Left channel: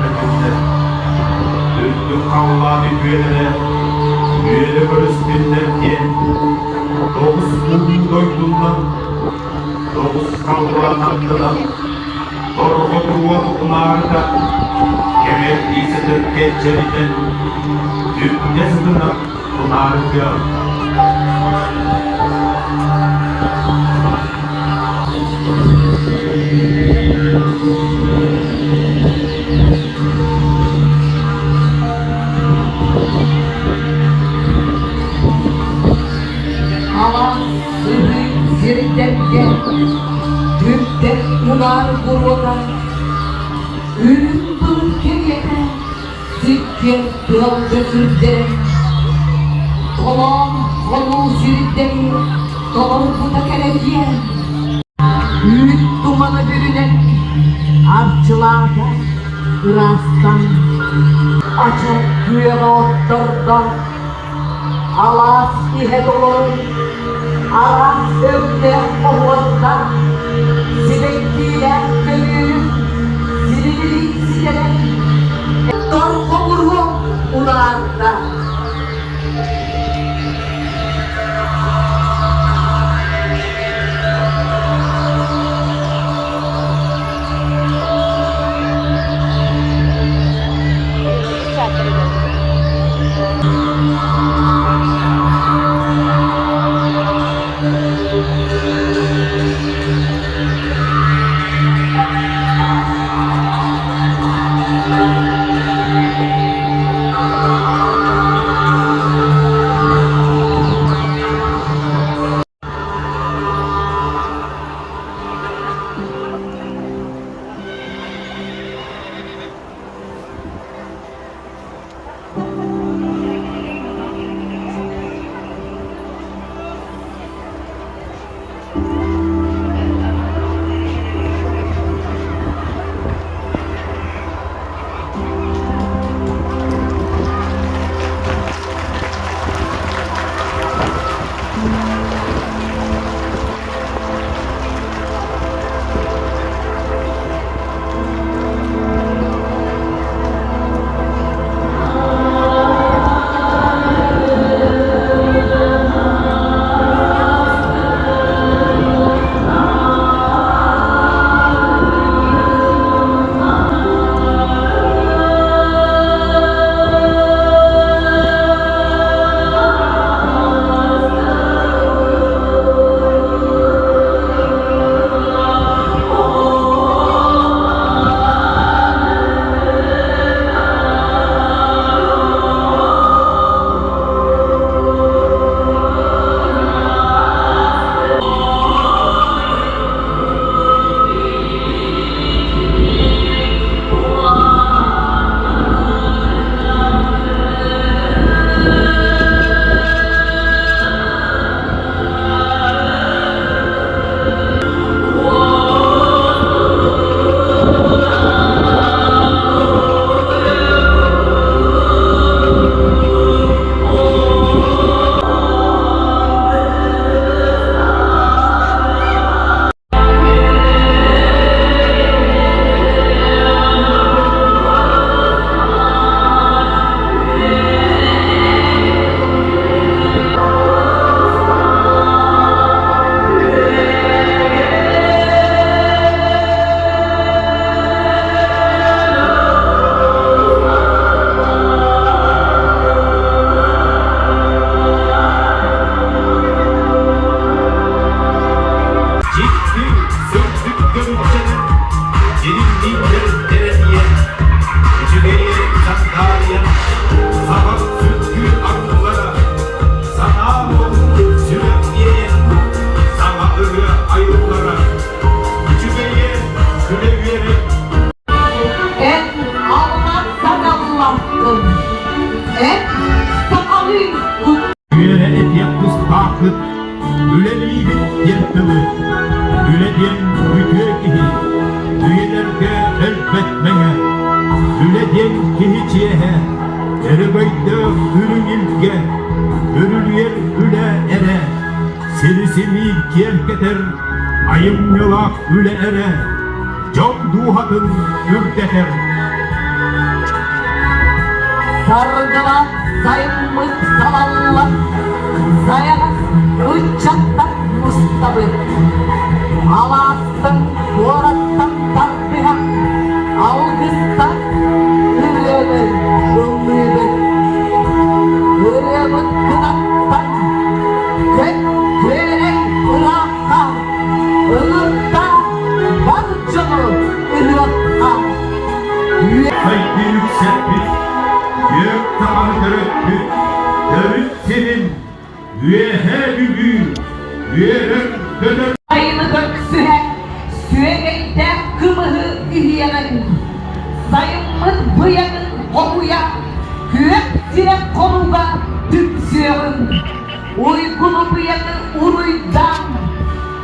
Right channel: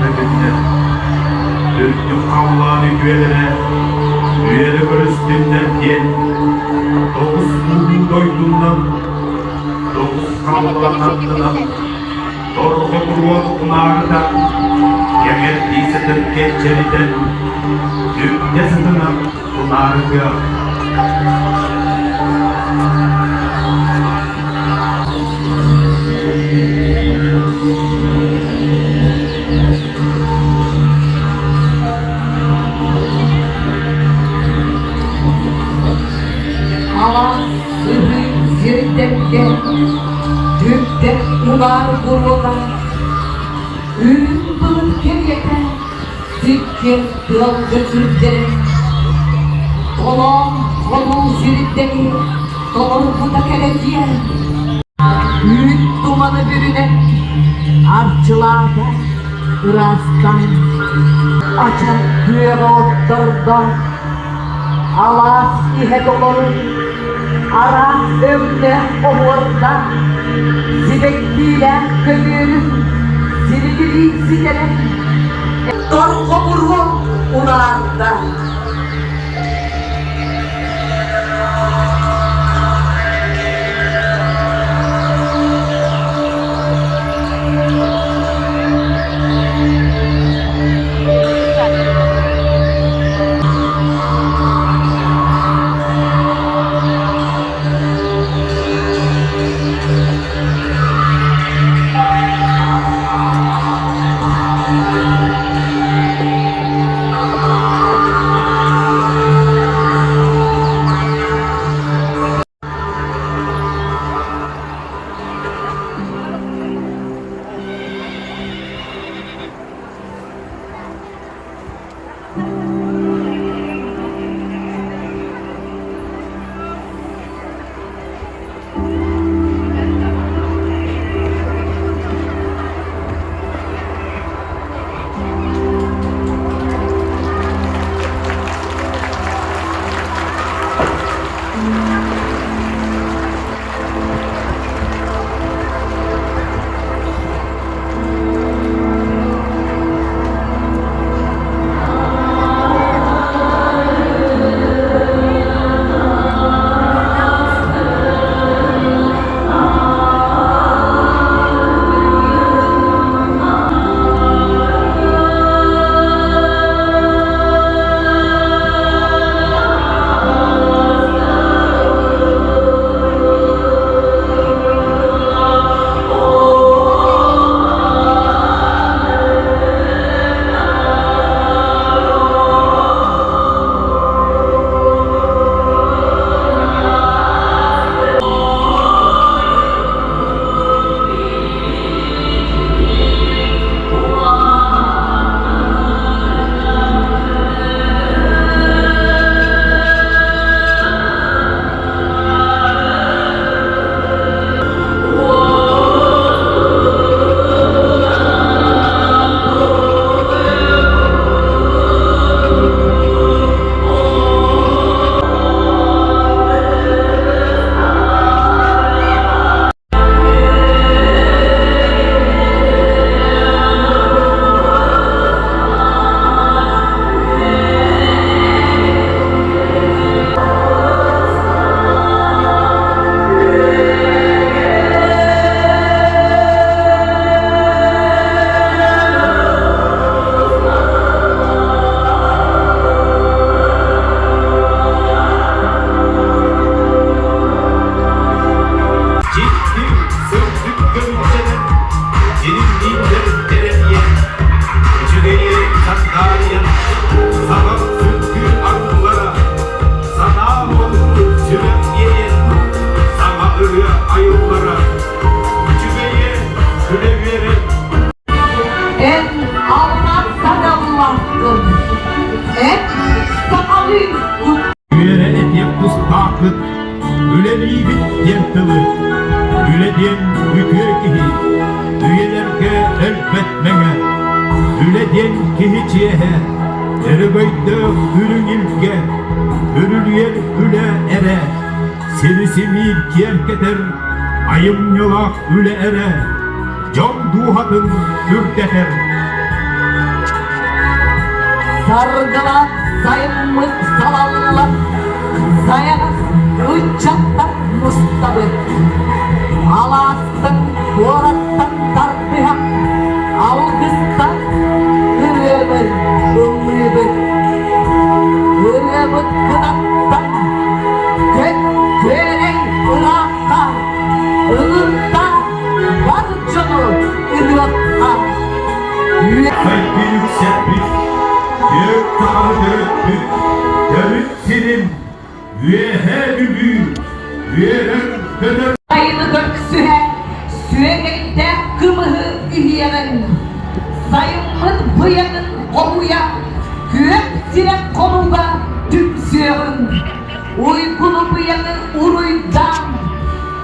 bedenine. Düzdüm Allah'ın üyelere görüştüğümden Doğuz buğulu doyduğundan, Doğuz kavgalanlarından, Doğuz kuruvat pınarda, Yemek istedik geçeriden, Dünyasına pınarda. Türk'te ular gururlar, ürün bulup kemiyete, Türkiye yolcu Türkleri, kolon sürükleri, doğrultuda keleciye, büyük dumanı bürünen, artçılarda, Irak'tan, açık dünyada oturdu, Alas ihe dolu, Aras övde oğuzdan, Zilekliler gönül, Zilekli zilek, Dor komuru ularda. Kihiciye, Erebeyde ürün ilke, Gönül üle ere, Serisini kiyerketer, Ayım yolak üle ere, Can duhatın ürteter, sargılar sayımlık salallar, sayan uçaktan mustabır, alastın borattan tartıya, algıstan üremir, ümrüdür, üremir kınattan, köklerin ıraktan, ılıkta barcalı ılıktan. Saygı yükseltmiş, gök dağı dörttük, devlet senin, üyehe büyü, üyeler döner. Sayını döksühe, sürekte kımıhı ühiyemen. Sayımın bu yanın oluya, kürektire kolunda tüpsüyemın. Uykulu bu yanın uruydan,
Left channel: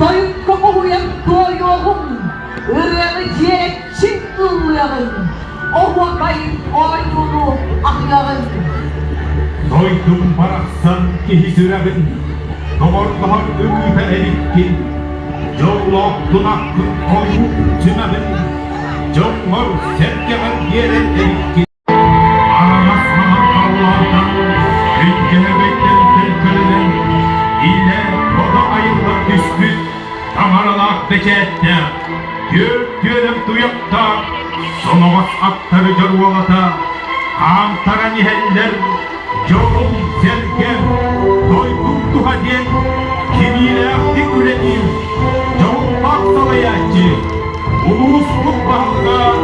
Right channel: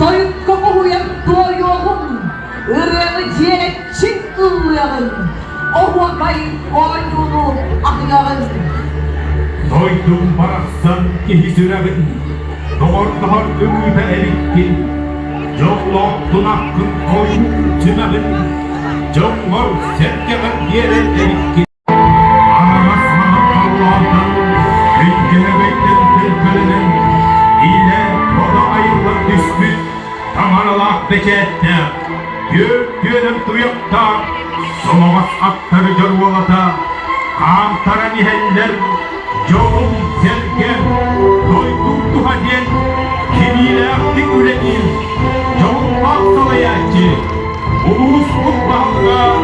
doyuk koku uyan doyuğun. Iryanı ciğerek çift ılmayalım. O vakayı olayını ahlayalım. Doydum baraksan ki sürebin, doğar ümite erikkin, Jollok hakkın koyu tümemin, Jollor sevgemen yere erikkin. Aramasmanın Allah'tan, Ülkelebekten felfelenen, İle koda ayırlar düştü, Damaralak bekette, Gök gönüm duyukta, Solamaz aktarı görvalata, Kantara niheller, Yolun sergen, doygundu hadiyen, kimiyle aktif üretim, yolun aksalayacı, bulunuz mutbağlığa,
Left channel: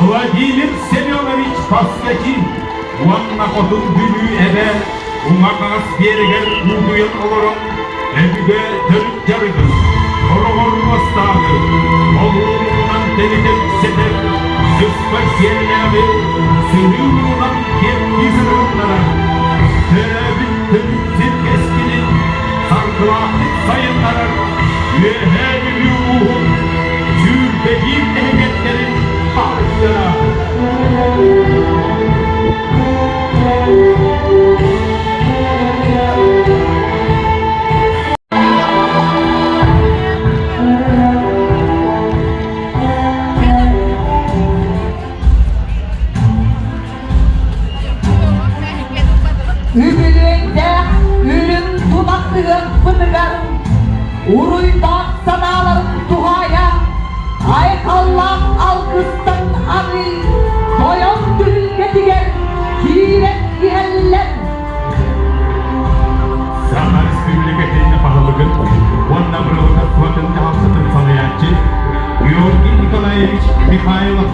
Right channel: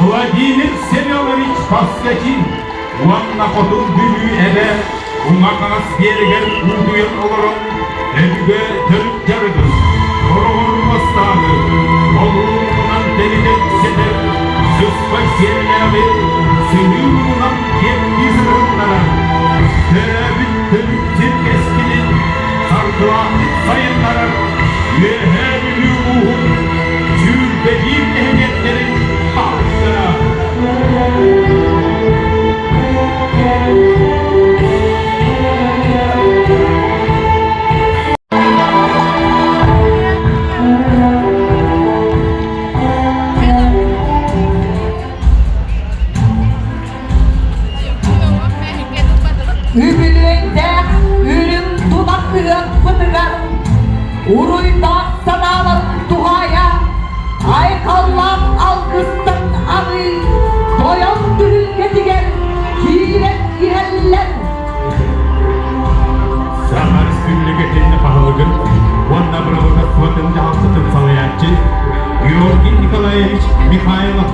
Vladimir Semyonovich Paslekin, Ulanla kodun günü eve, Umardanas diyeler uyduyan olarak, evde dönüp yarıdır, Korovor bastanı, Oğlundan deliden seder, Sözler senleri, Sığırından kendi sınırlara, Tebittin eskinin, sargılandık sayınlara, Üyeher ruhun, Türbehim ehliyetlerin, Tanrı'ya. Ümülüğünde ürün dudaklığı pıtıgarım, Uruyda sanalarım duaya, Aykallam alkıstan ağır, Doyan gülün getiger, Kirek gireller. Sanat memleketinde pahalılıkın, Vanda Bravo'da Suat'ın cevapsızın sağlayancı, Georgi Nikolaevich Mikhailov.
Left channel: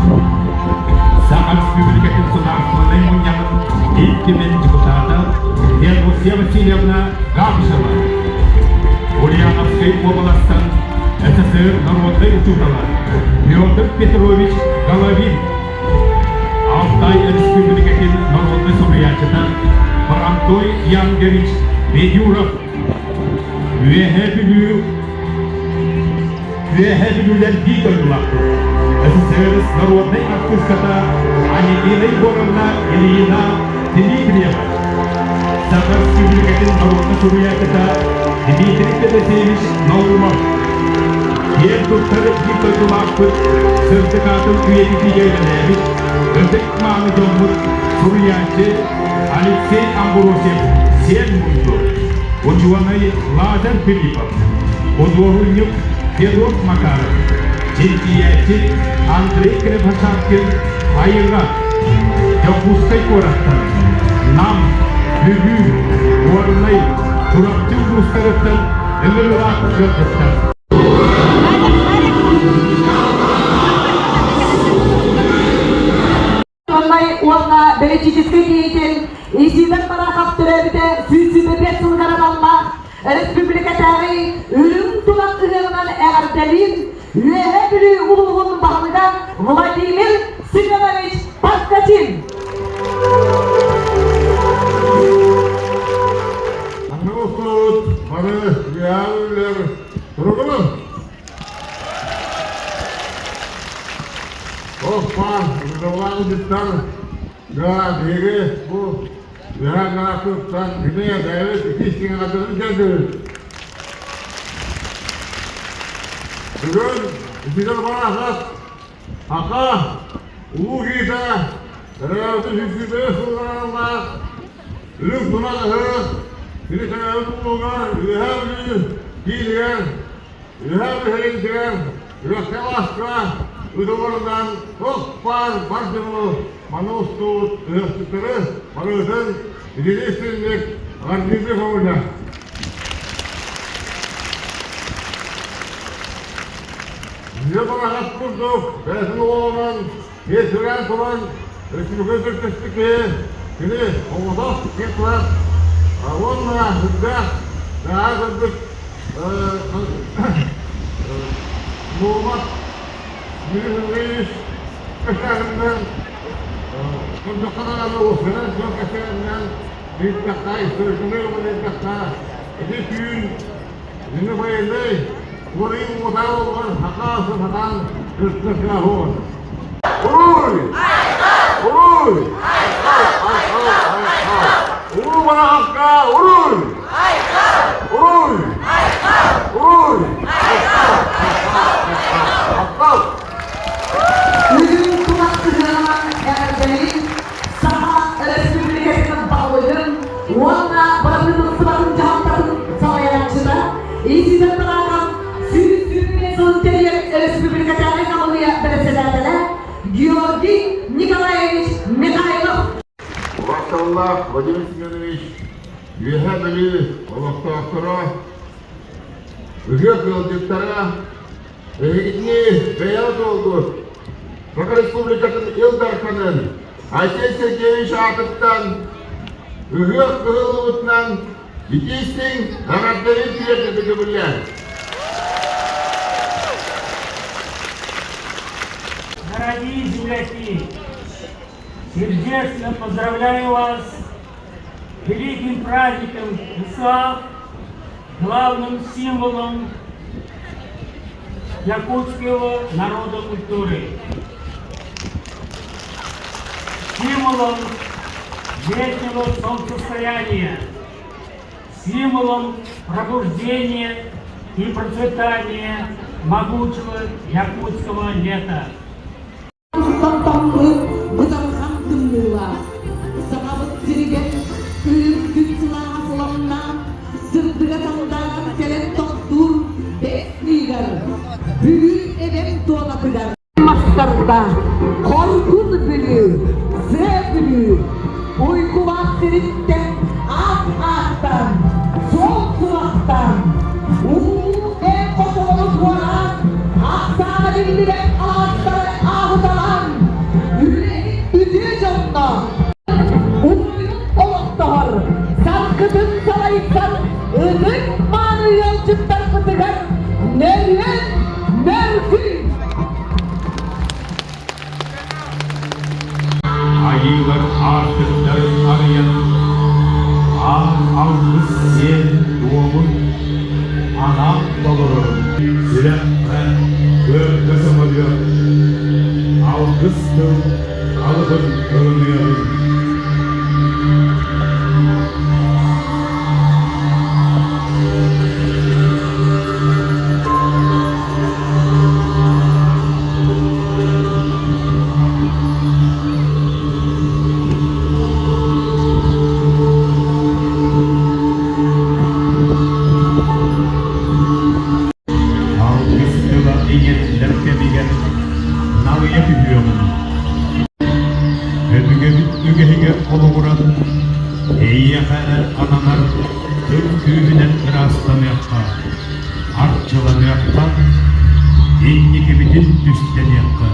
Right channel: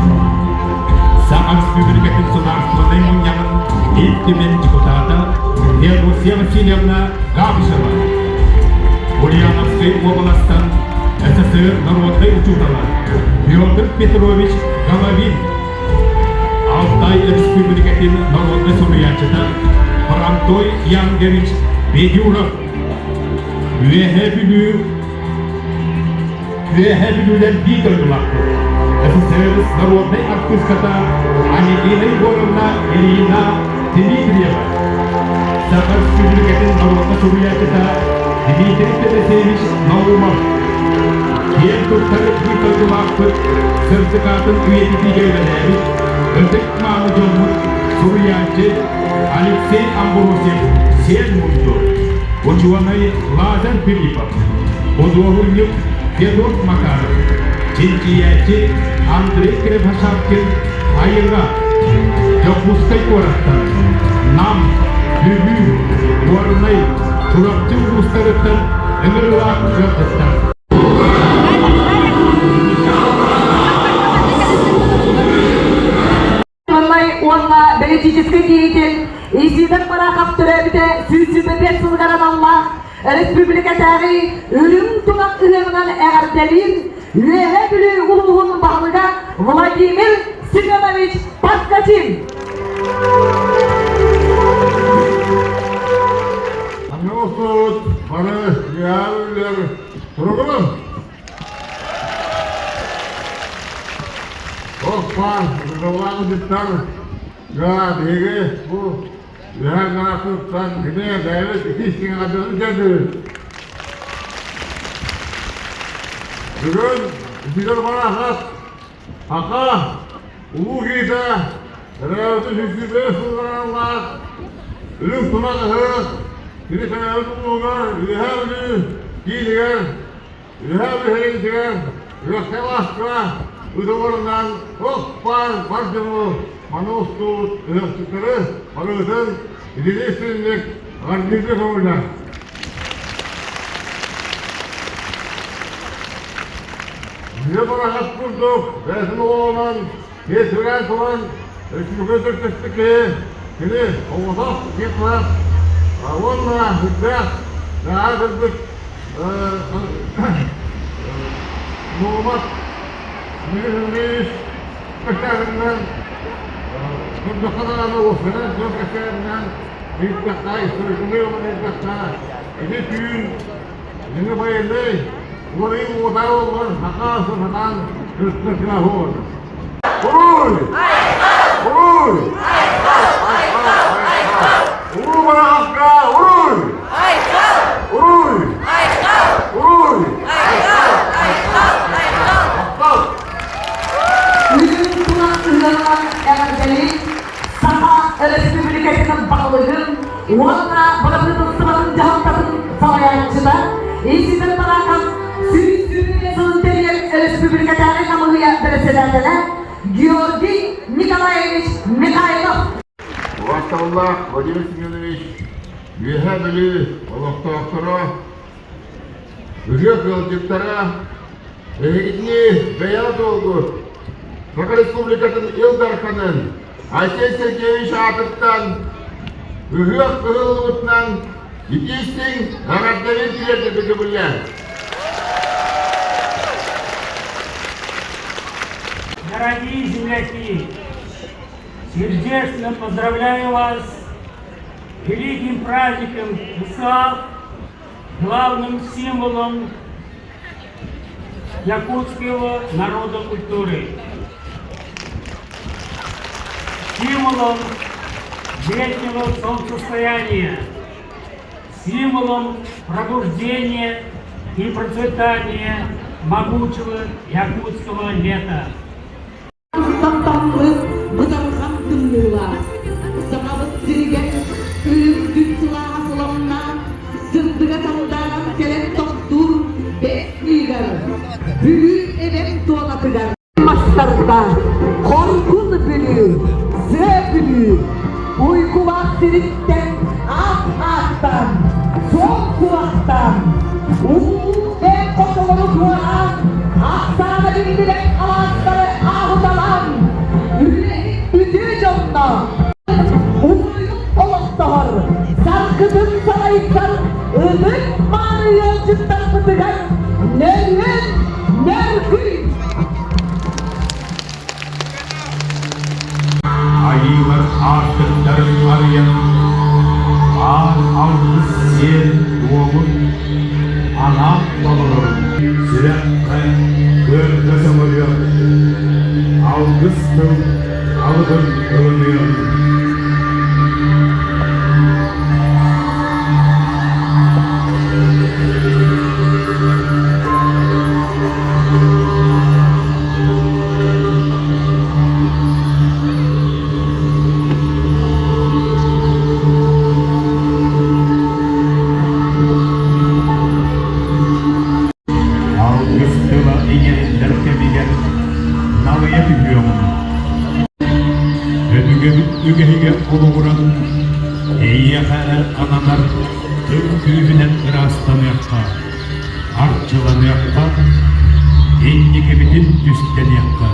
Sanat memleketin sunarsızlığı Munyan'ın ilk kimin депутата, Rusya Васильевна Габишева. Ульяновской областан СССР народный ученый Петр Петрович Головин. Altai Республикатын народный судьячыдан Франтой Янгевич Бедюров. Üyehelülüler değil olmaktır. СССР народный отпуската, они делай горна Ильина Дмитриева. Sanat memleketin народный судьячыда Дмитрий Алексеевич Норумов. Diğer kurtarıp bir olmaktır. Sırtıkatın üyeliği göndermiş. Ödük Mahmud'un судьячы Алексей Амбуросев Сенмуйду. Ученый Лазар Филиппов. Художник Федор Макаров. Чинчиячи Андрей Крепосавкин Айыра. Жопустай Кораттан. Нам Büyük, Orlay, Çorapçı Uluslararası Emirler Gökdesler. Политической деятель, изиден барахат төрәбите, сүзсүбете сылгараналла, республикатары үлім тумақтығынан әрделин, үелі білі ұлығын бағылға Владимир Семенович Паскатин. Anlıyorsunuz, barış, güvenlikler, kurulu. Dostlar, buradan gittim. Ya diri, bu Lühenatlıktan güneye devlet ikisinin adını geldi. Bugün bir bana hak, haka, ulu gide, Terus hizibnya Allah. Lu pulang hal. Ini kena untungan. Lihat ni. Kirian. Lihat herikan. Lihat telas lah. Udah orang pan bertemu manusia. Lihat sekarang. Manusia. Ini istri. Arti itu kemudian. Dia pernah hapus tu. Dia semua orang. Dia serang teman. Dia juga terkestik. Ini Allah kita. Allah kita. Dah ada Muhammad. Ini kesangan. Kita kalau Allah senang kesangan. Kita kaya sesuatu mereka kaya. Ini tuh. Ini baik ni. Orang mengatakan orang nakal senang terkejut. Urul. Urul berapa? Urul. Ürün tunak ıhlarından eğerdeli Saha Respublikası'nın bağlıdır. Ona bağlıdır sıranın cahattatın savayaçıda. İziden bırakan Sürüsünün Sınteriye Respublikası'nın kamuya bereselerdeler. Georgi Nikolaevich Mikhailov. Allah Vladimir Semyonovich, Yuhadili, Allah'ta akıra, Ücret yolculuklara, Rehdini beyaz oldu. Kırgız Respublikası'nın Ildarkan'ın, Ayşe Sergeyevich Atıf'tan, Ücret Kırgızlık'tan, Yetişsin, Zaradları Tüyete Büdübüller. Дорогие земляки, сердечно поздравляю вас с великим праздником ВСА, главным символом якутского народа культуры, символом вечного солнцестояния, символом пробуждения и процветания могучего якутского лета. Tamtamlı bıdalgan dümdüğüler. Sağlık dirigen ürgün silahlarına sırtıga tamdan gelen doktor besliler. Büyük evem tuğlatıgar. Mastarda korkun bülü, zebülü, uyku vaktiritten at-attan, sol kulaktan, ve kotoluk varan, aksana bildirek ağaçları ağdalan, yüreğin düdüğü canına, uzuyun oluktahar, sarkıdın sarayıksan, ılık manı yolcuktan kıtıgan, nevrin, nevri. Ayılar artıkların arayan ağız yer doğumun ana babaların sürekli görmesem oluyor. Algıstım alıbın görünüyor. Ügehiga oluğuran, eyyakara tanınar, tüm rastlamayakta, artçılamayakta, endiki bütün düsteniyakta.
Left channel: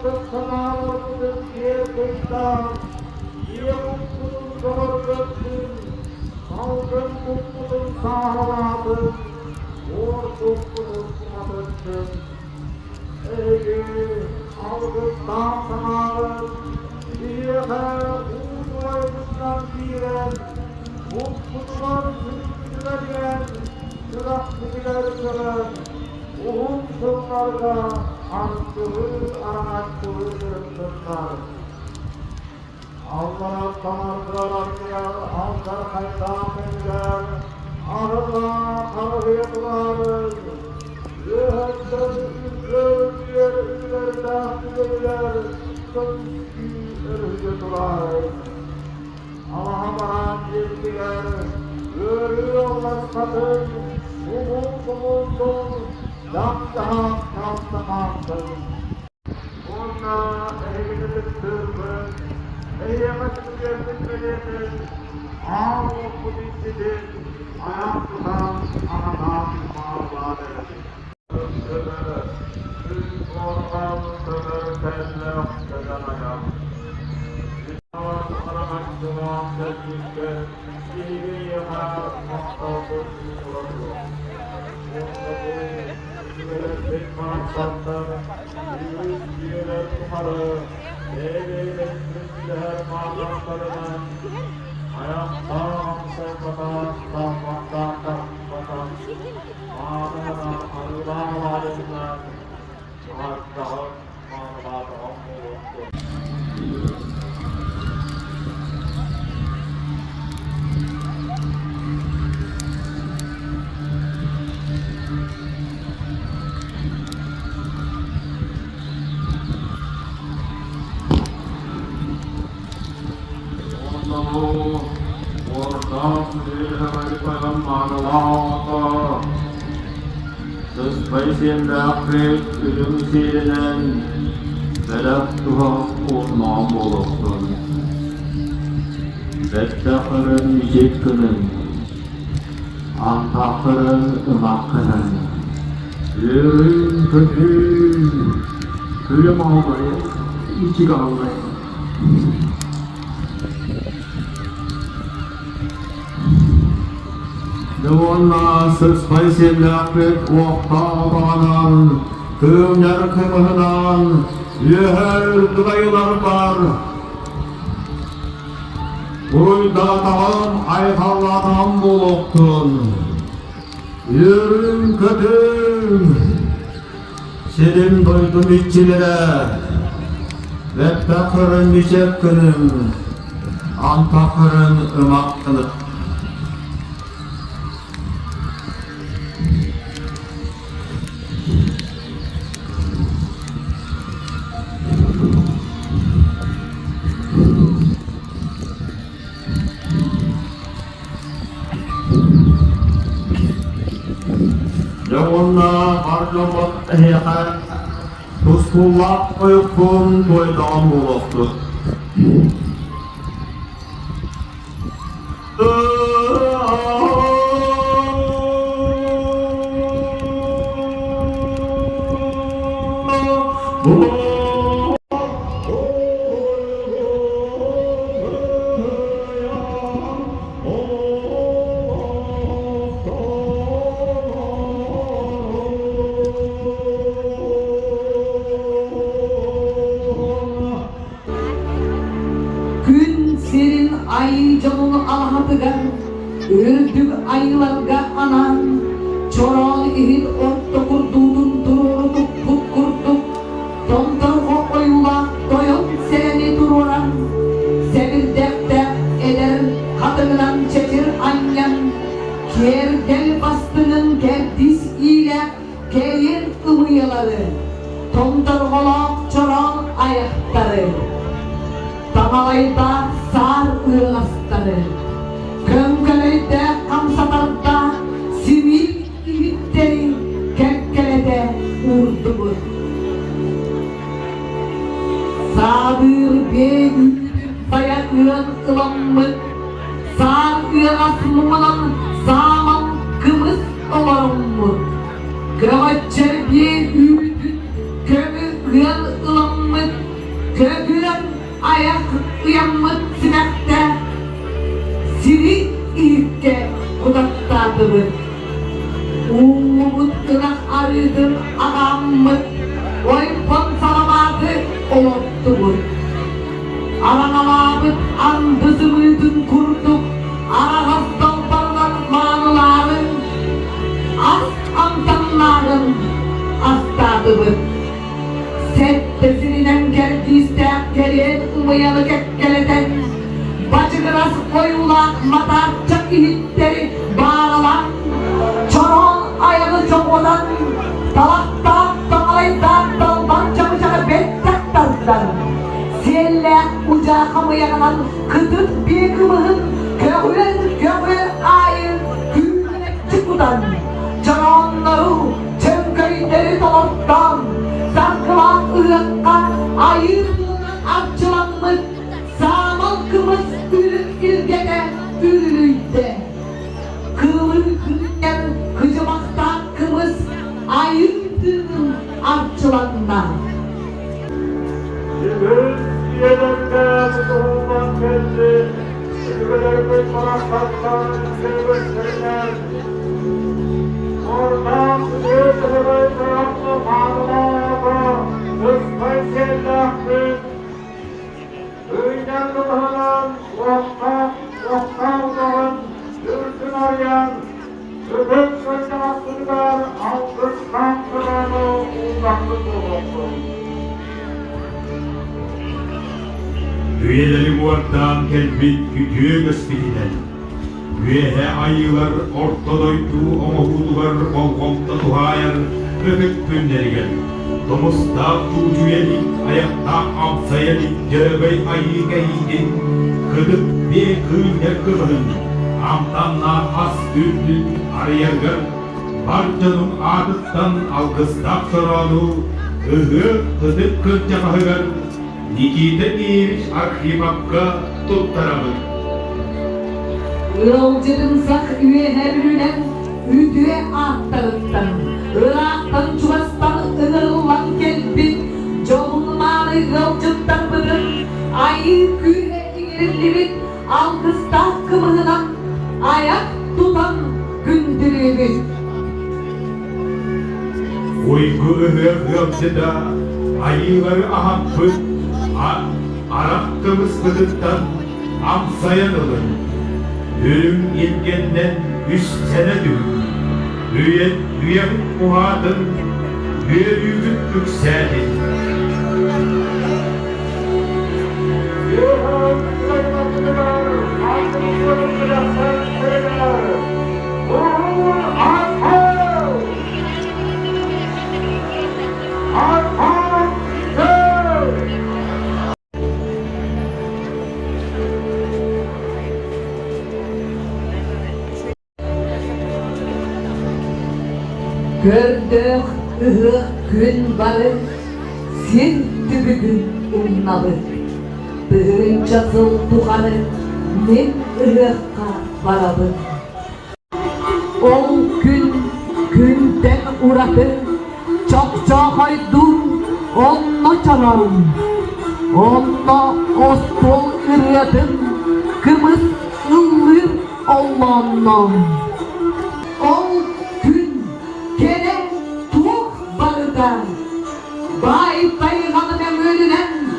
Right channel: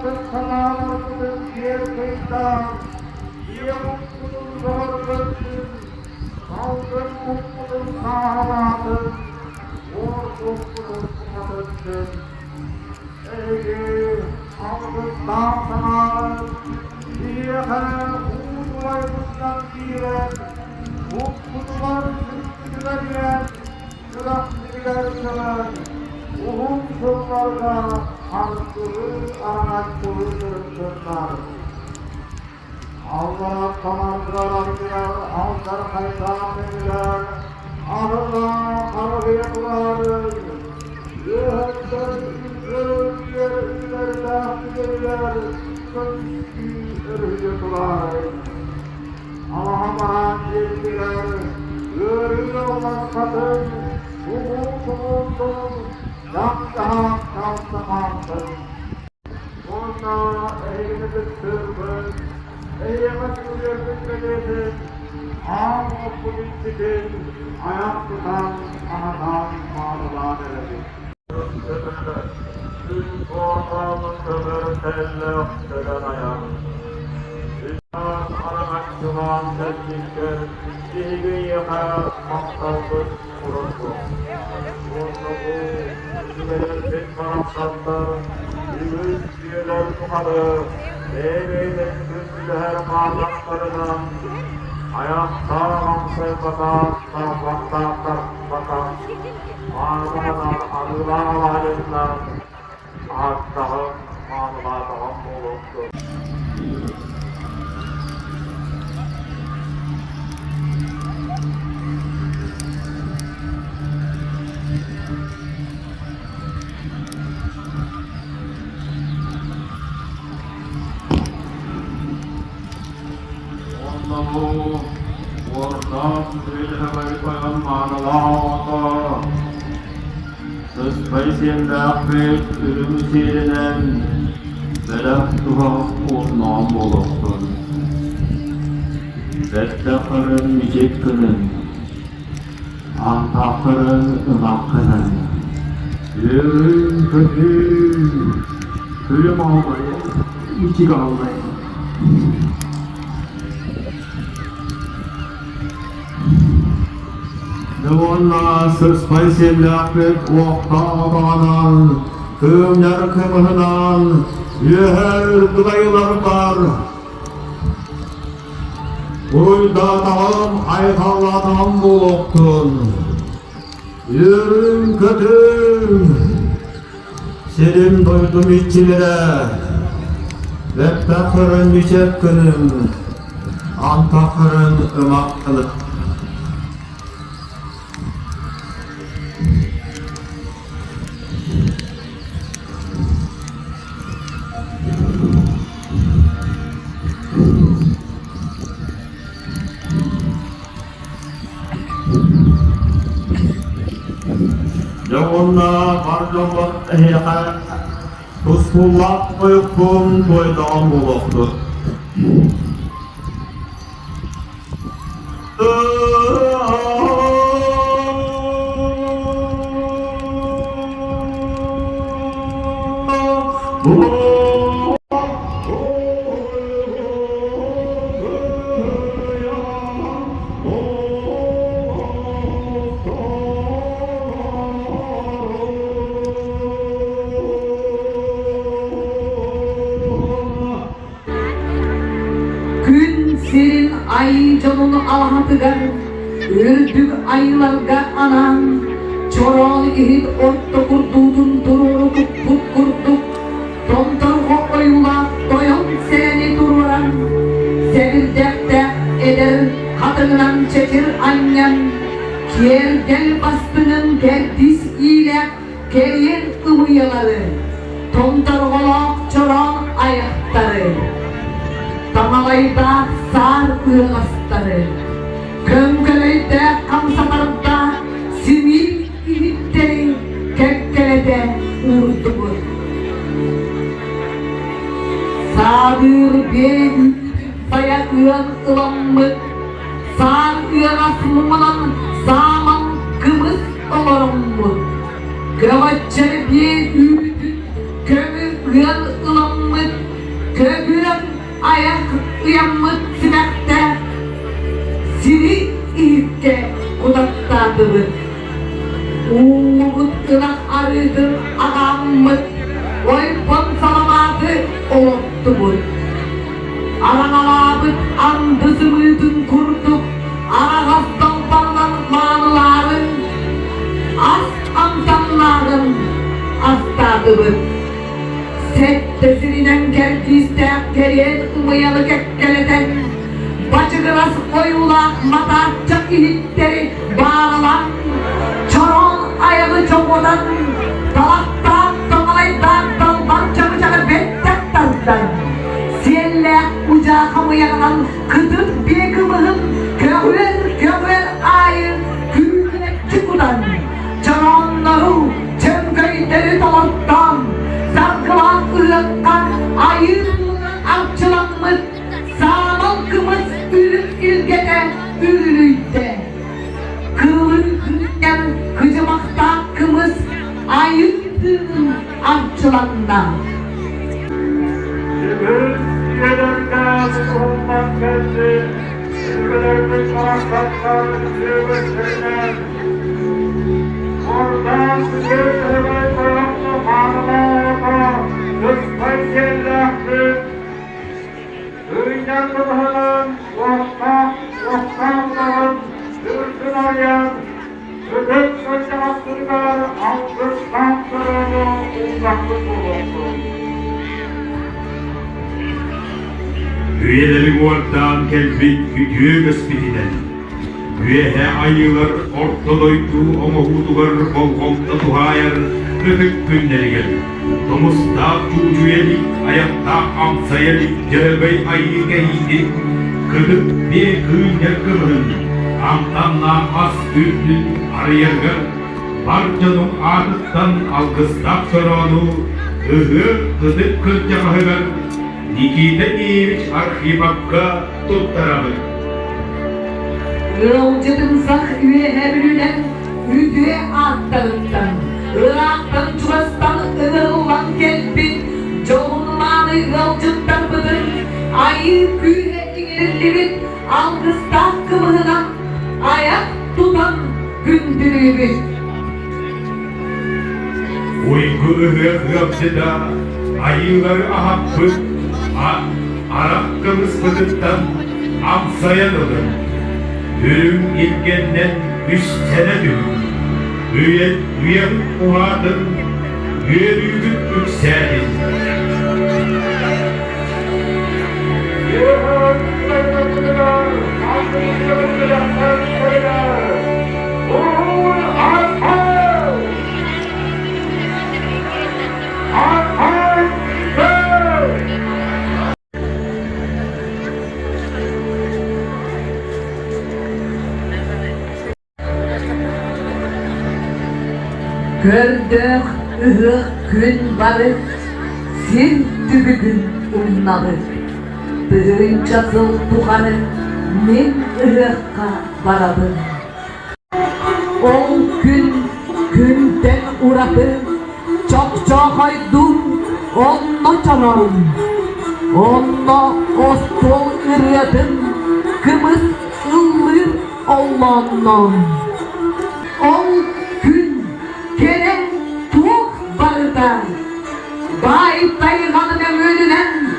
artık sanalarımızın diğer kıyıdan, iyi mutlu'nun doğrulasın, salgın mutlu'nun sahabatı, uğur mutlu'nun sahabatı. Ey Allah'tan sana, diye uğurlarımızdan diye, mutlu'nun sürdürülebilen, süreklilerine, Uhum kullarda arttırır, araştırır. Allah'a kanatlarına, Allah'a kaysanlar, Allah'a karayıplar, Yuhan'dan ürünler, Allah'a bana bilgiler, görüyorlar kadın, umudumuzun, Ona eğlenip sürmüş, eğlemesin gözündeydin, ağlı politikidin, ayak tutan anadan ağrılar edelim. Tüm ortamı kömür telle ökteden ayak. Dünyanın aramakçılan teknikte, iyiliği yakar, maksaldır, kurulu. Onda bu, üyeler taraftarlar, üyeler yukarı, devletin kürsüler bağlantılarından, ayakta amsay batan, tarafakta, mağazadan arılar alayından, ağaçtağım, mağazadan bulundu. Ortam dilhemeli koyan mağaralarda Sıspay semdakret ürün serinen Belak tuhaf olmağım oluksun Bettakırın nicet kının Antakırın ımak kının Ürün kötü Külüm almayı, içik almayı Devonna sıspay semlakret oktağdanan Kümler kımıhınan Yüher dıdayılar var Uyda dağım aykalladan buluktun Yürün kötüm Senin duydum içimire Bettakırın niçek günüm Antakırın ımakkılık Yoluna harcamak ehiyat Tuskullak uykum toydağım oluktu Gün serin ay canını alhatıgan, öldük aylarga anan, çoral ihid orta kurduğun dururluk put kurduk, tontar oyma doyan seni dururan, sevirdekte eder kadından çeçir annem, kiyer gel bastının gerdis ile keyin ımıyaları, tontar olak çoral ayakları. Tamalayda sar ığlasları, köngöleyde kamsalarda sivil ihitleri kekkelede urdumu. Sağdır bir saya ığın ılanmık, sağ ığın asmımın sağman kımız olarımlık. Kravatçı bir kömür ığın ılanmık, mıt, kögürüm ayak uyanmıt sinekte, siri ilke kudattadıdır. Uğut ırak arıdır adam mıt, oypun salamadı oluttu bu. Aranaladık andızımıydın kurduk, aragazdan balınan mağluların, az antanların astadıdır. Settesinin geldiyse geriye umayalı gekkeleden, bacı kırası koyulan matarca ihitleri bağlanan, çoron ayağı çoğudan, dalakta dağlayda daldan çabıcağı bettek tarzdan. Siyelle ucağı kamuyanan kıtıp bir kımığın gövür ayı gülüne çıkudan, çoronları çöngöyleri dolaptan, sarkılan ırıkkan ayı avçılanmış, sağlam kımız ürün ilgede ürünüyde. Kırılır kırıkken kıcımakta kımız ayıydın avçılanma. Göz yelerinde tutuğundan belli, ülkelerde paraklatlar göğüslerine, oradan sıcak bayraklı parmağa, kıspay sellahlı, öyden kıvırın, vaktalların, ürsün arayan, ödük sıcaklıklar, alkıştan kırını uzaklık olursun. Üyeleri muardan kelbit gücü gösteriden. Üyehe ayılar ortadoytu omahudular olgomda tuhayar öpük günleri gel. Domusta tuğcuyelik, ayakta amsayelik, cevey ayı geydi. Kıdık bir kıyıya kırın, amtanla as ürdün arayargar. Barcanın adıttan algıstak soronu, kıdık kırcağı ver. Nikita imiş arhivakka tuttarabı. Yolcudun sak üye hebrünen, üdüye aktarıktan, Irak'tan çuvastan ığırılan kelbin, çoğunmanı yolcuttan bıdır, ayı küyüne inirlibin, algıstak kımığına, ayak tutan gündürübün. Uyku ıhıhıhçıda ayılar ahakkı, Arakkımız kıdıktan amsayan olur. Ölüm ilgenden 3 sene dün. Üyen muradın, büyük yükselin. Gördük ıhık gün varık, sil tübükün unnalık. Dığırın çatıl tuğanık, men ıhıkka varalık. On gün günden uğradı, çok haydun, onunla çaralım. Onunla ostol ırıdın, kımız ıllır Allah'ından. On gün gene tuğ barıda, bay dayımanın emrünen,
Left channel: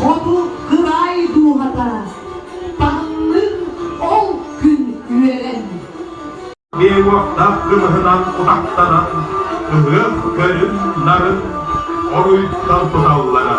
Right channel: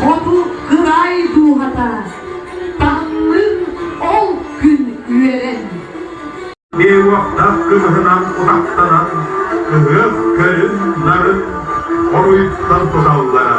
kodu kıray duhada, tanrı ol gün üyeren. Bir vakta kırhına uzaktanan, ıhıh körünların, oruyuttan tutavlara.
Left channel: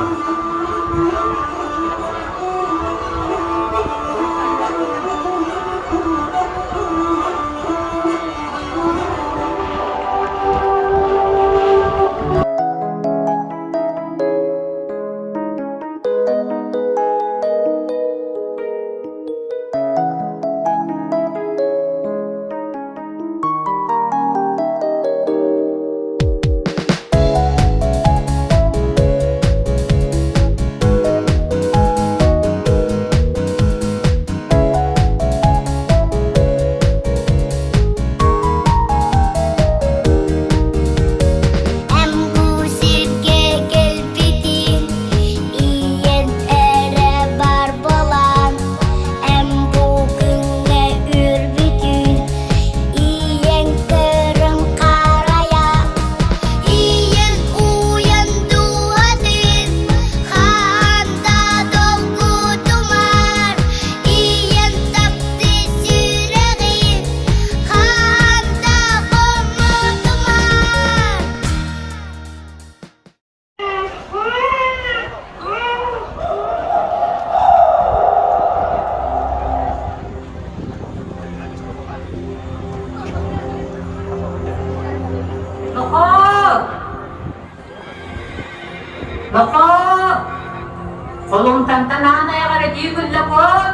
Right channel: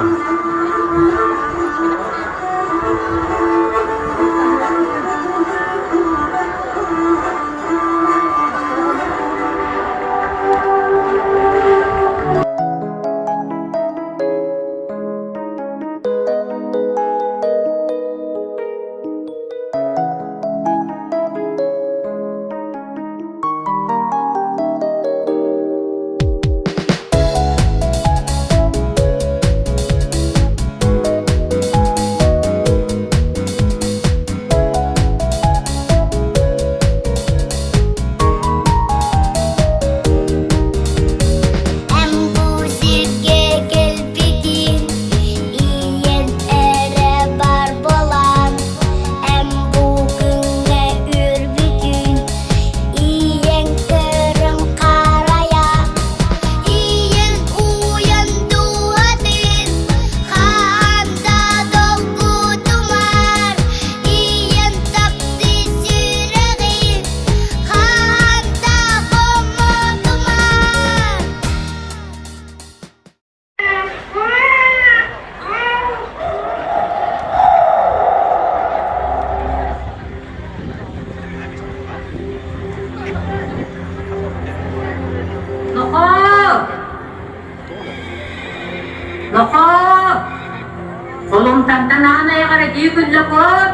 Kolumdan anaya diye gülle kop.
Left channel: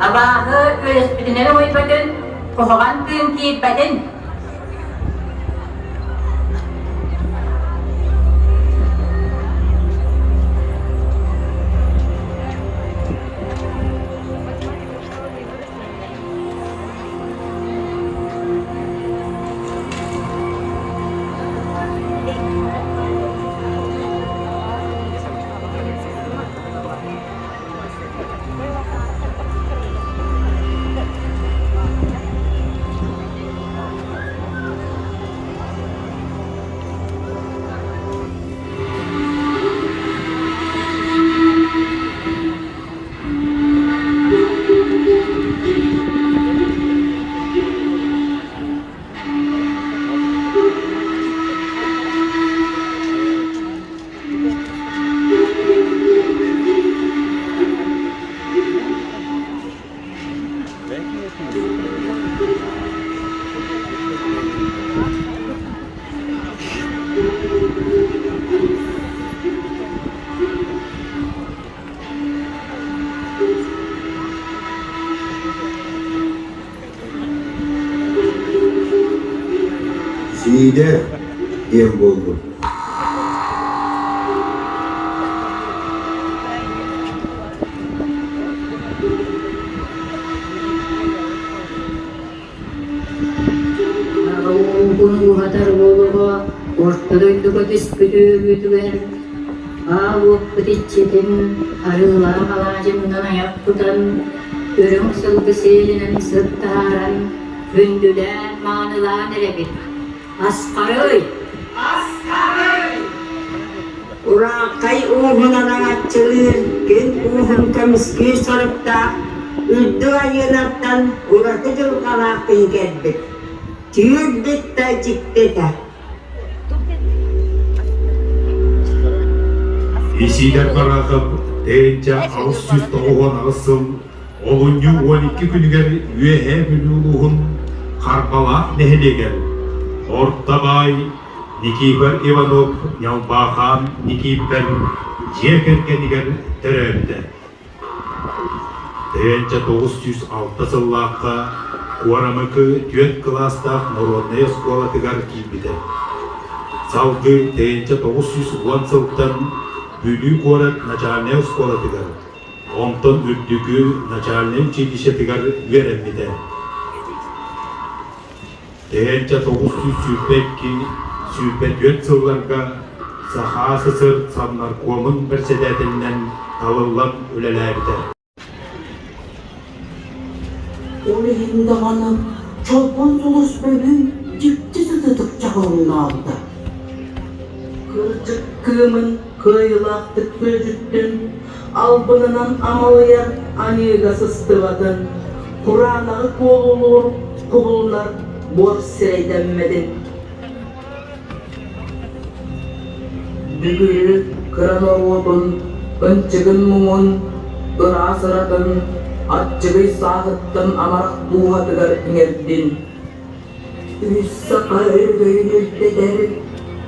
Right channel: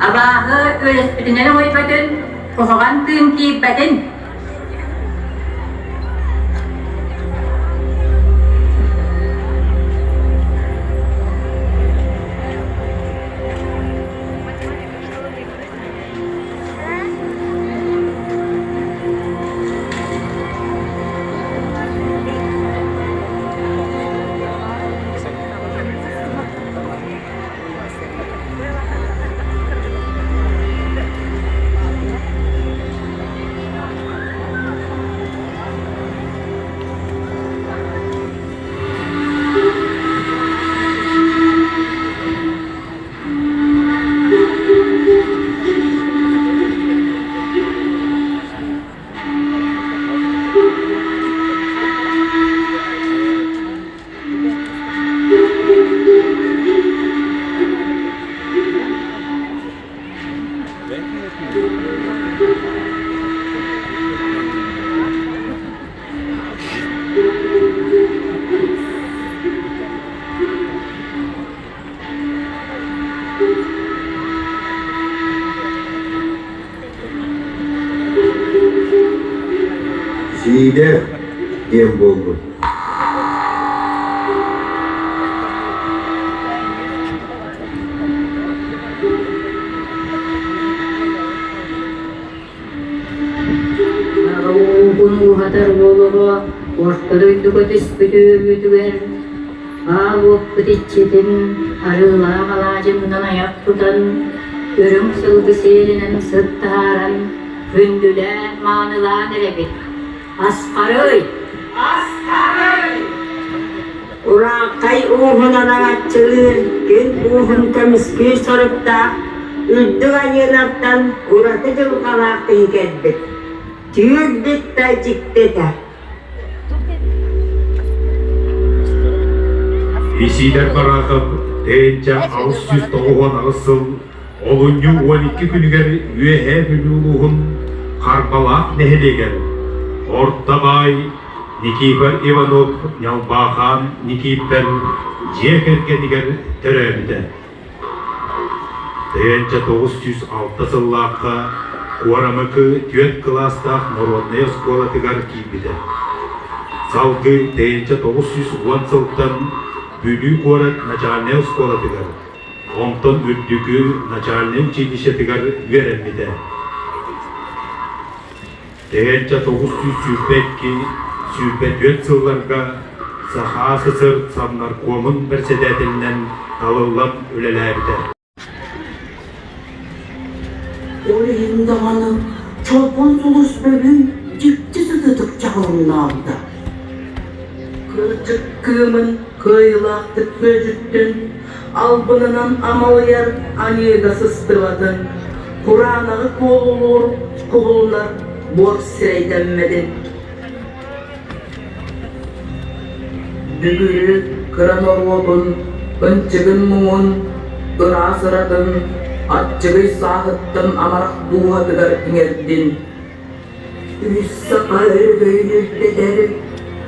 Abahı öylespitine oybadın, kohogan kıyım kiyibadın. Side dem buldu. Bunu hatar bolu, ortada kutis bütügen. Ağuk bütçetin arılar alacımdan ayak tutan, görüm sılgısının sıttaran, hündüden manılan erebit. Askarıy! Urakay uhun anangatçılığın, gün uhun kemiski sarıpta, üddü ayılardan uratıcıl kalakın geldik. Tüyürdük da ciddete. Исидер каракып, тейінче ауыз сүз тоғуын ағысыл, олынju 12 күнігер үйе бүлуғын қарбалақ нәхелеген. Орттабай, Никифор Иванов, Нялбахан, Никифор, жекергенігер түрәбіді. Тейінче 906 сыллаққа, Қуарамықы түйет кластақ Народная школа тігар кейбіді. Салғы тейінче 910 сылттан Бүлі город начальная школа тигар. Онтон үрдүгү начальное училище тигар вереммиде. Тегенче 902 сүйпет сылларга Саха СССР Совнаркомын председателинен алылан өлелерді. Orayında bana çapon sulus bölüm ciddi sıdıdık çağırlardı. Kırcık kığımın kıyılaktık gözüttün, albınının amalayar anıga sыстırmadın. Kur'an'ı kolulur, kullar borç seydenmedin. Dügürü kıran orvodun, ınçıgın mumun, ırasıradın, atçıgı sağıttım amarak buğa tıgar pingerdin. Üç sakar göynülte der,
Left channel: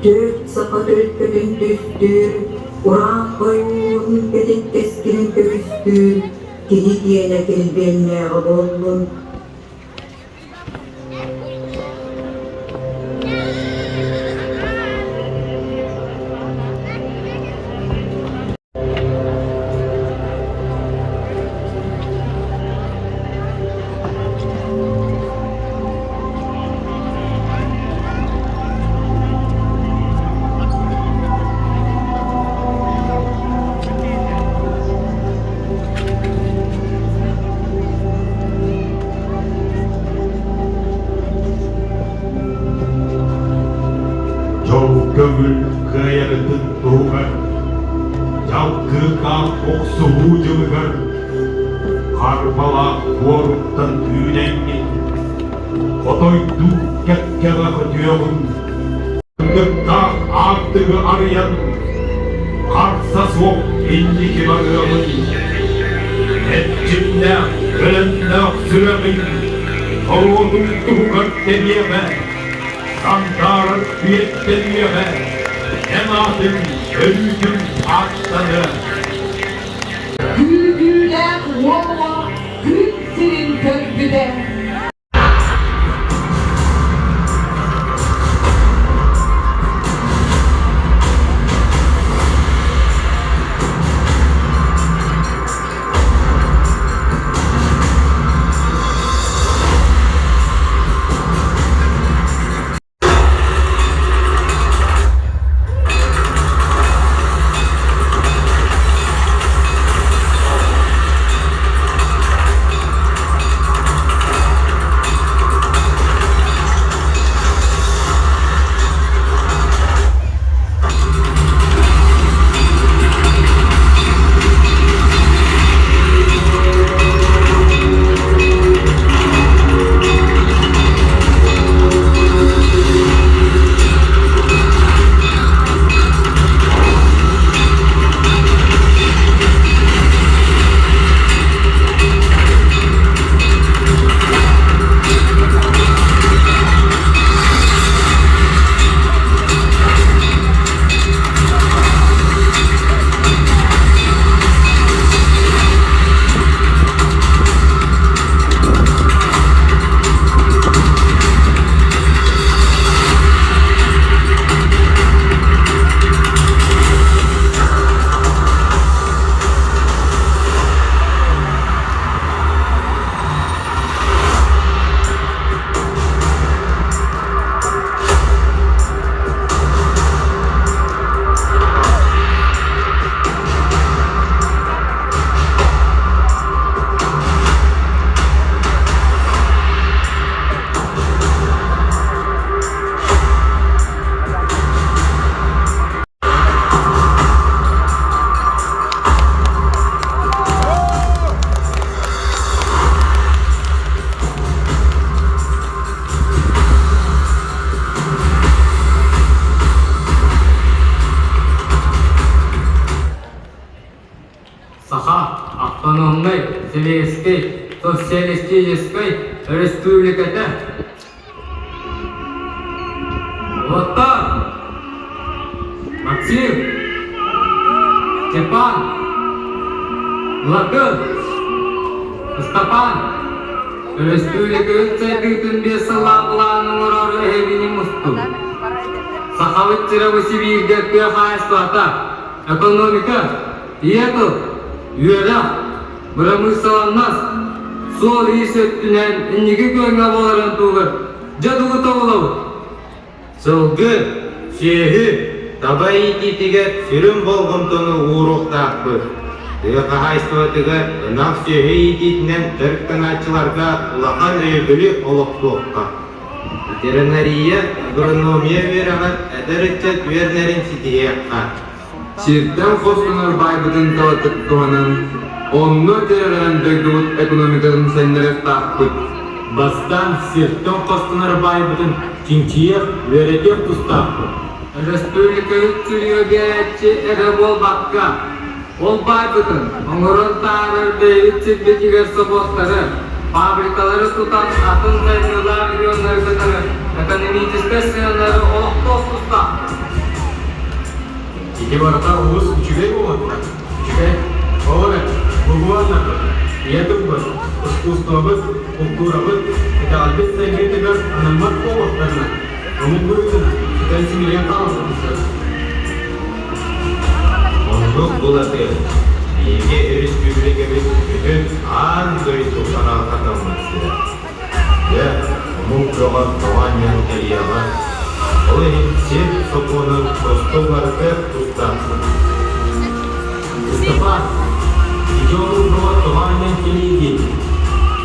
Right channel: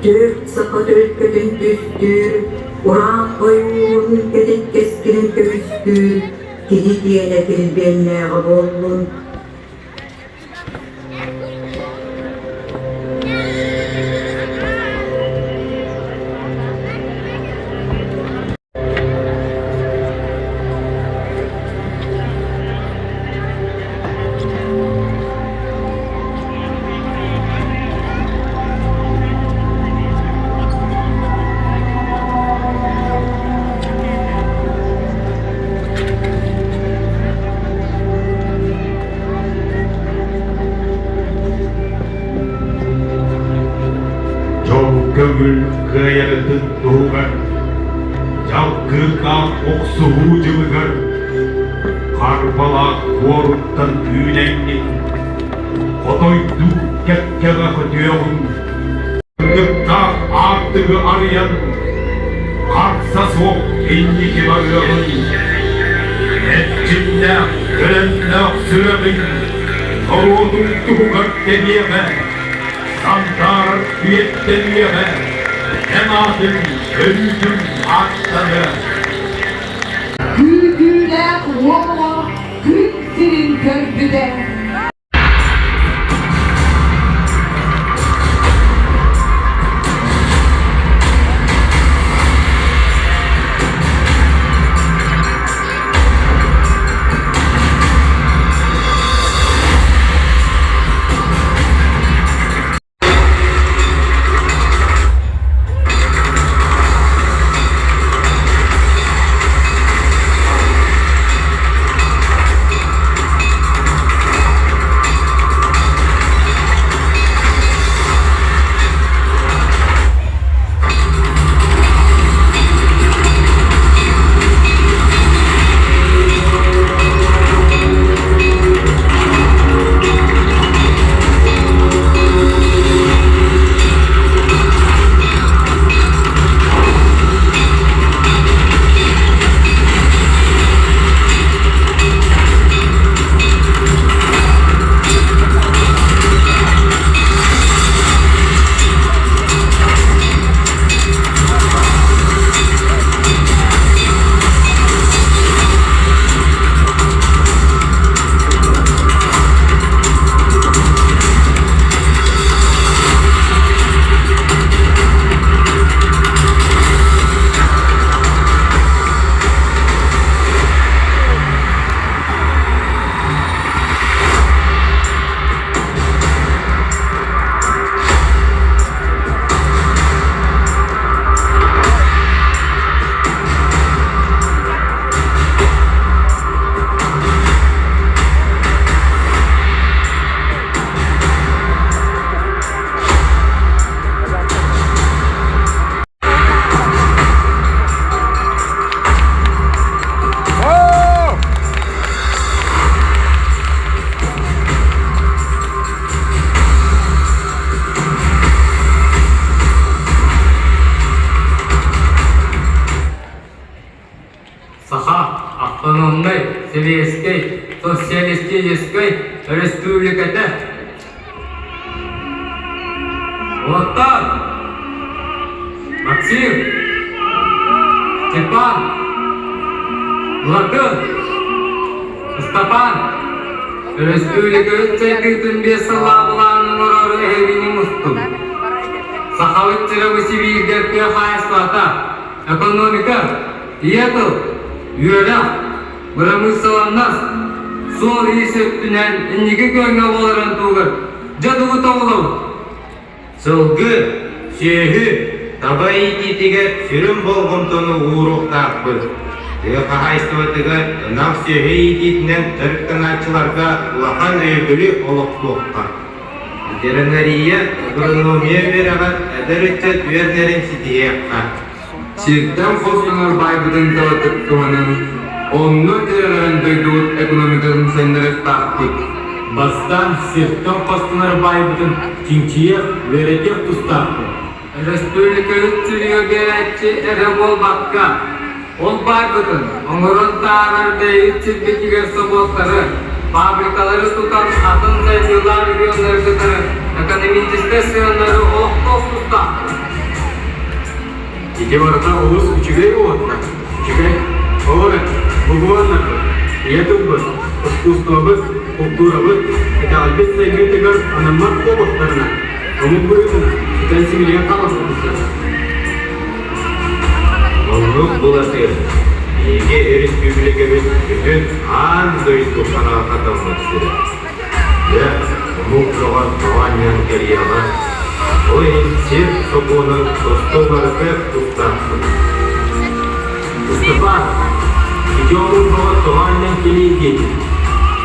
dört sakar ülkeden düstür, Kur'an koyun dedik keskin kövüstür, Gidi diyenetin benle olun. Көңіл қайыратын туғар, жалқыға оқсуы жылғар, қарбалақ орыптан үйленген, қотойду кәккеға көтеуін, күнгіптақ артығы ариян, қарса соқ ендеке бағығын, әтчімді күліннақ сүрәмін, ұрудың туғар демеме, Santar üyetten üyeme, cemaatin Ölüm açtanı. Güldüğüde valla gül senin gözüde. автономной Советской Социалистической Республикаты. Вот так. Максим, Степан, Владимир, Степан, Республика Үтчәгітін бесі лағыланың ұрары әйгені мұсту. Сақалытчыры Сибирдерке хайстуата, экономика, иету, үйері, промышленность, сол есептінен инеге көңі боларын туғыр, жадығы тоғылау. Сылғы, сүйегі, табай итетігер сүрім болғымтыны ұруқтақпы. Тігі қағайстуатыға ұнақ сүйегі итетінен түріктіңатчыларға ұлақан өйгілі олықлыққа. Ветеринария, агрономия берағат әдірітчі түйернерін сетиекқа. Сирттен қосқанар байбытын талатып туғанын, онны терелерін дөйдуыт экономикасын сәндіріп тақпыт. Бастан сирттен қосқанар байбытын чинчиек, веретек тұстақпыт. Республика үтчілігі беретчі әрі болбаққа. Ол байбытын, оңырын тағырар бейітчі бетігер соботтары, фабрикалары тұтан атын сайдылар региондары экономический сыянары олық тұстақпыт. Ики барата улус үчүгей болотта. Үчүгей, олары, бұғуанлары, етубы, искусствобы, культурабы, это албет сайгетігер анамат болоттарына. Оның бұйытын, кәлсімелген қамастырысы. Олғыз бұлаты, еге республикабыз бүтін аңдойын тұқсана қатамын істеді. Я мұқтыға қаваниян кәрияға, ойын сер соқуының достыларды тұстақсın. Степан, идеолог бұға туғанмен келейді.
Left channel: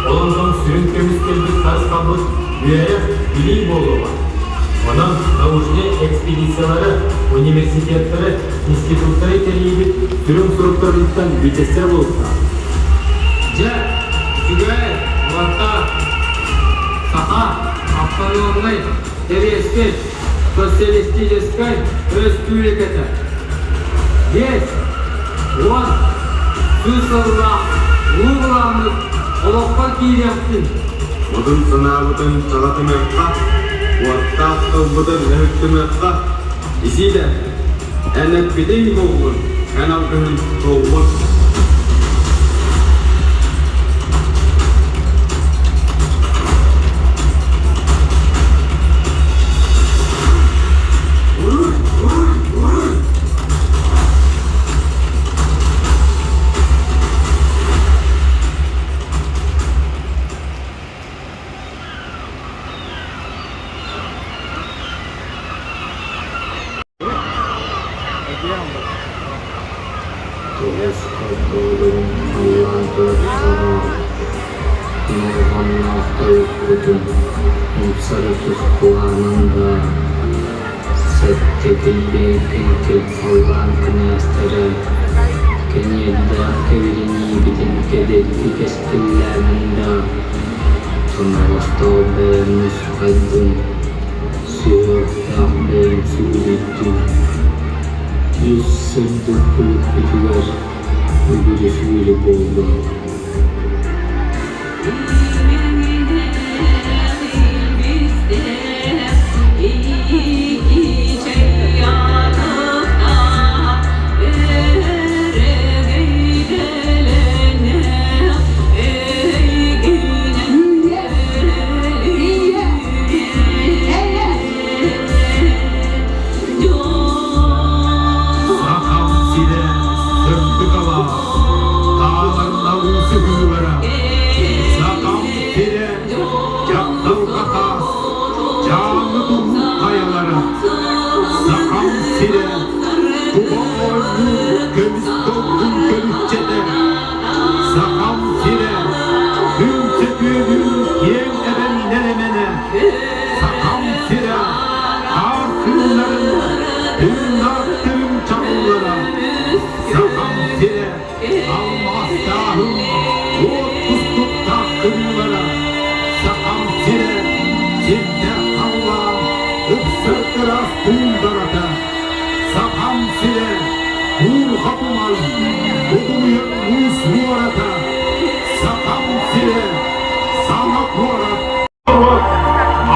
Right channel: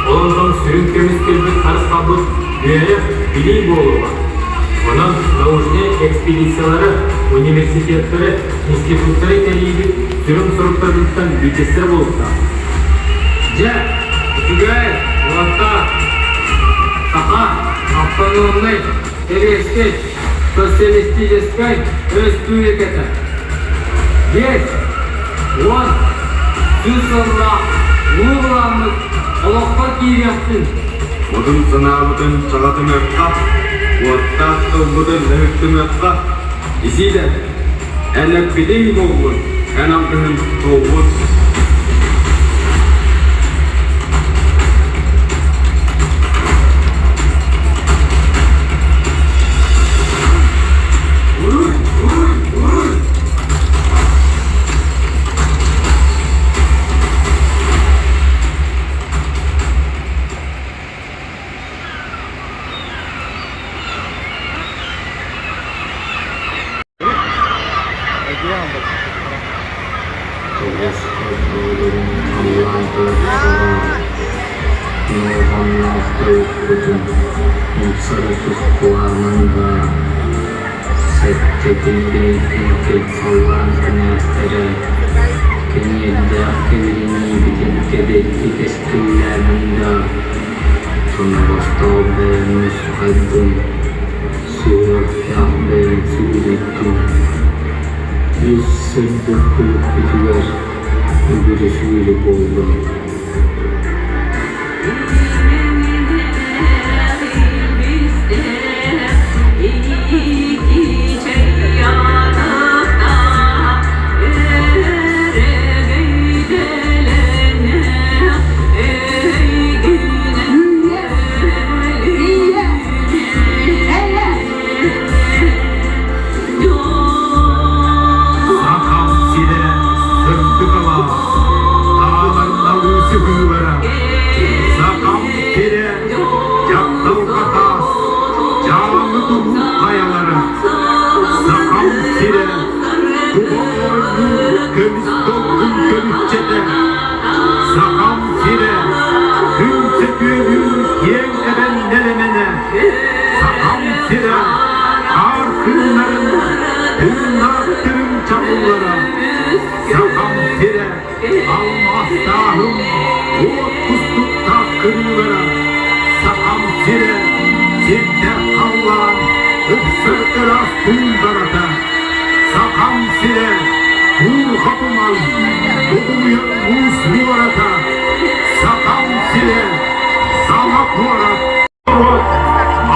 Олардың сүрін көміскелді қарысқабыз үйері білей болуға. Оның научный экспедициялары, университеттері, институттары келейді сүрін сұрыптарымыздан бетесі болса. Жа, үтігай, ұлақта, сақа, автономный, Советской Социалистической Республикаты. Здесь, он, сүсілға, ұлығыламыз, олыққа кейректін. Odun sınavıdan çalatım öpka, Uattan kılbıdan nöhtüm öpka, İzide, Elek biley bolur, enalgının doğur. Tugas Rasulun Allah berkata, Nuhana kaitu Mutsaratus kuamanda Settekin ke Allah kenestera Kenyedda kevirini bitin kedeki kestillerinde Sonrastağda muskaddum Surat kahve suritum Yüzsürdükü kütüver Öbürüsüyle boğdum.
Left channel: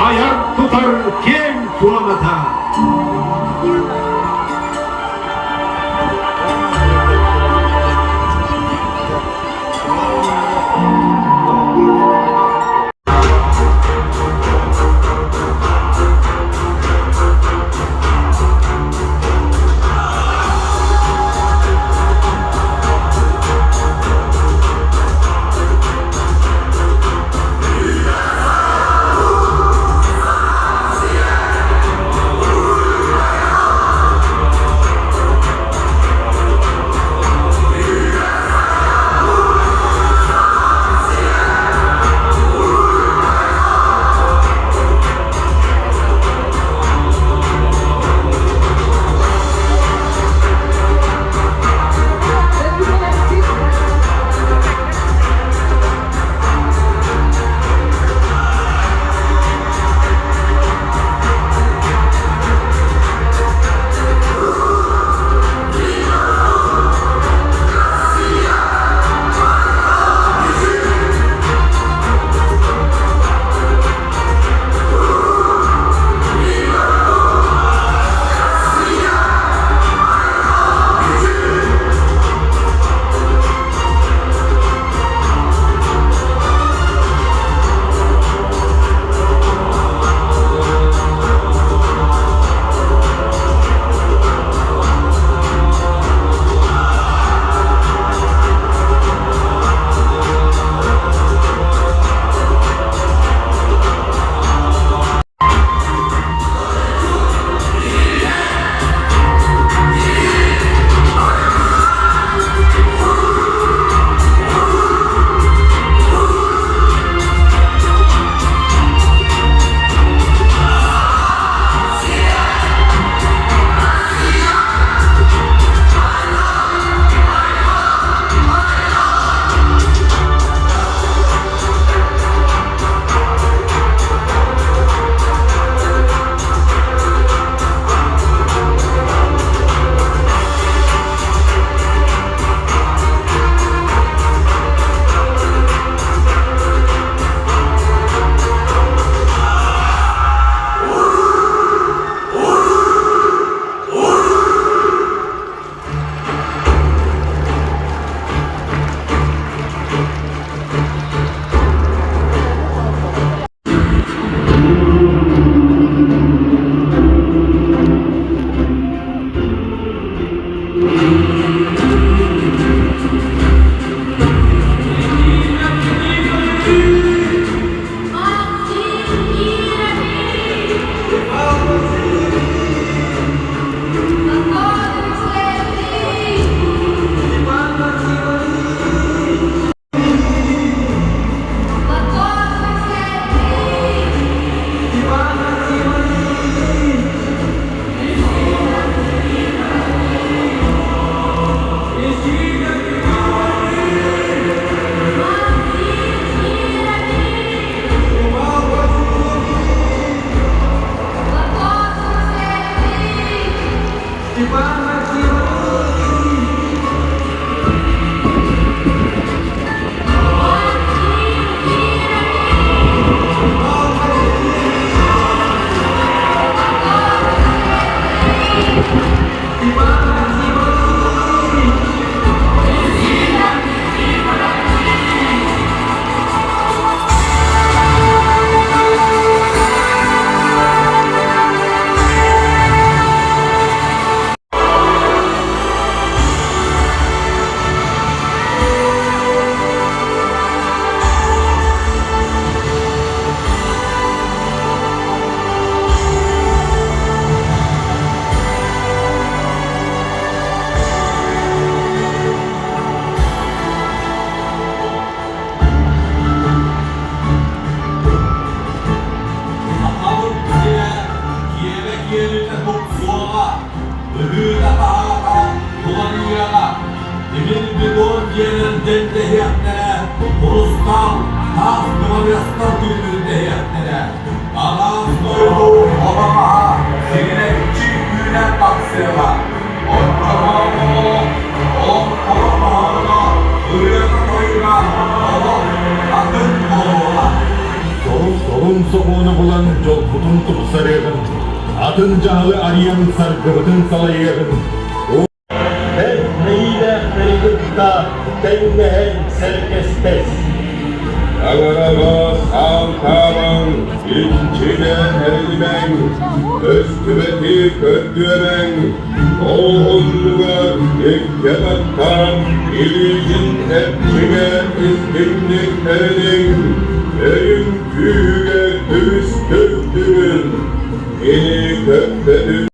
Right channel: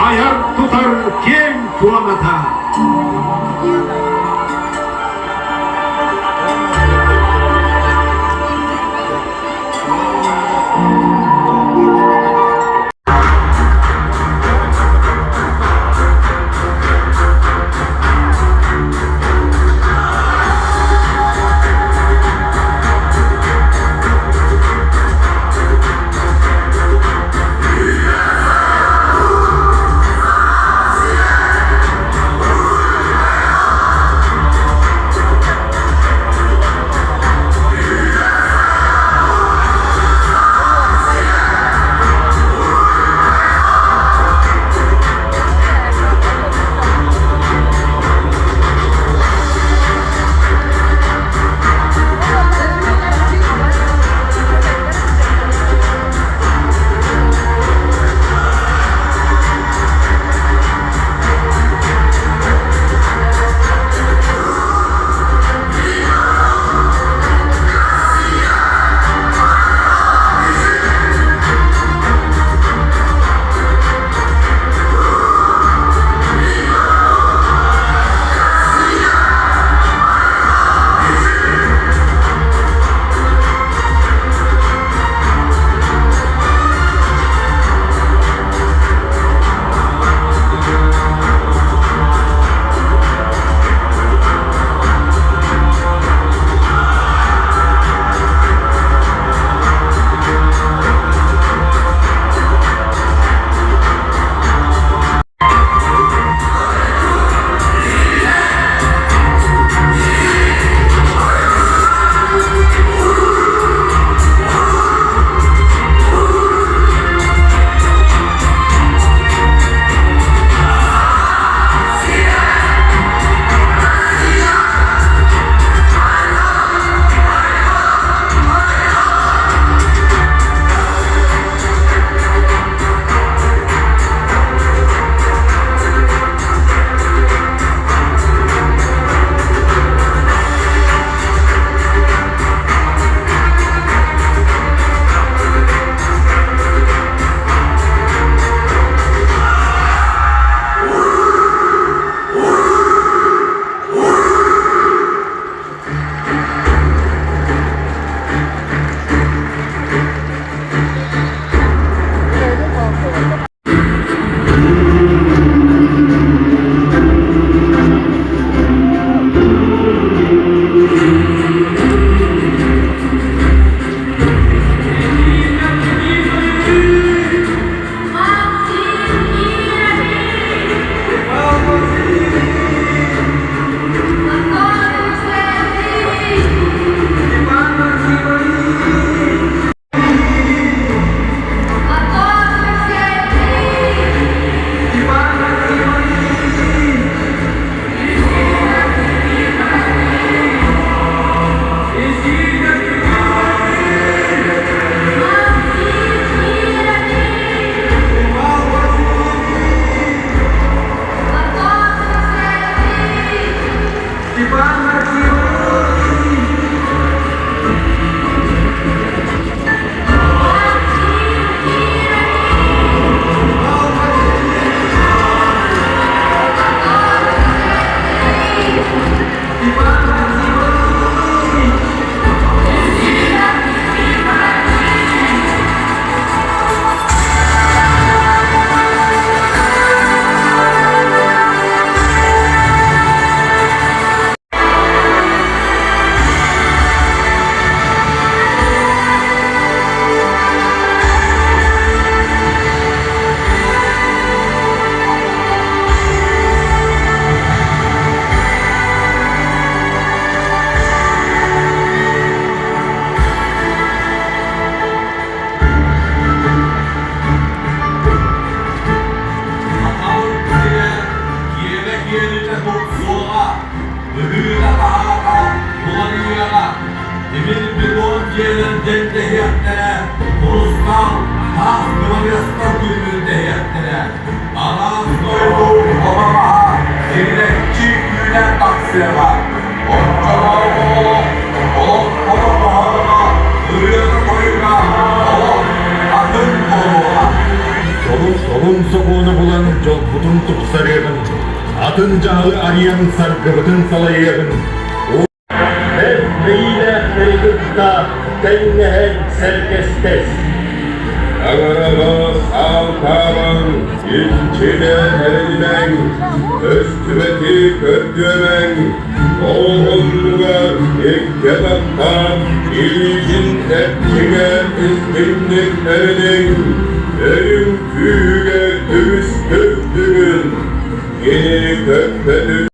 Ayar tutar kim tuanata. Solun soğuğunu bulan çok butun tutsarıyordun. Adın cahı arayan sargıbıdın salayıyordun. Neyle kırgıtta, dengehe serkestes. Ağırava sağ içine eğmen, üstümeti kötüyemen, oğlumla iktidardan, ilgin tepkine üstünlük erin, benim küğe üstündürün, yeni kökledim.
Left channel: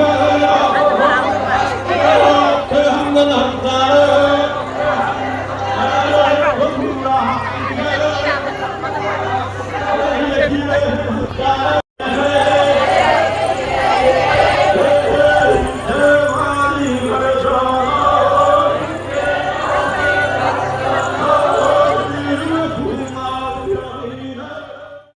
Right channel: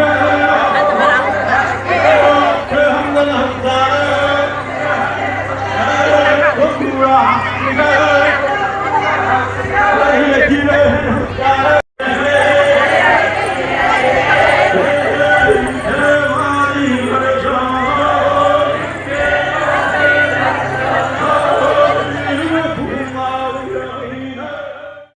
Amen.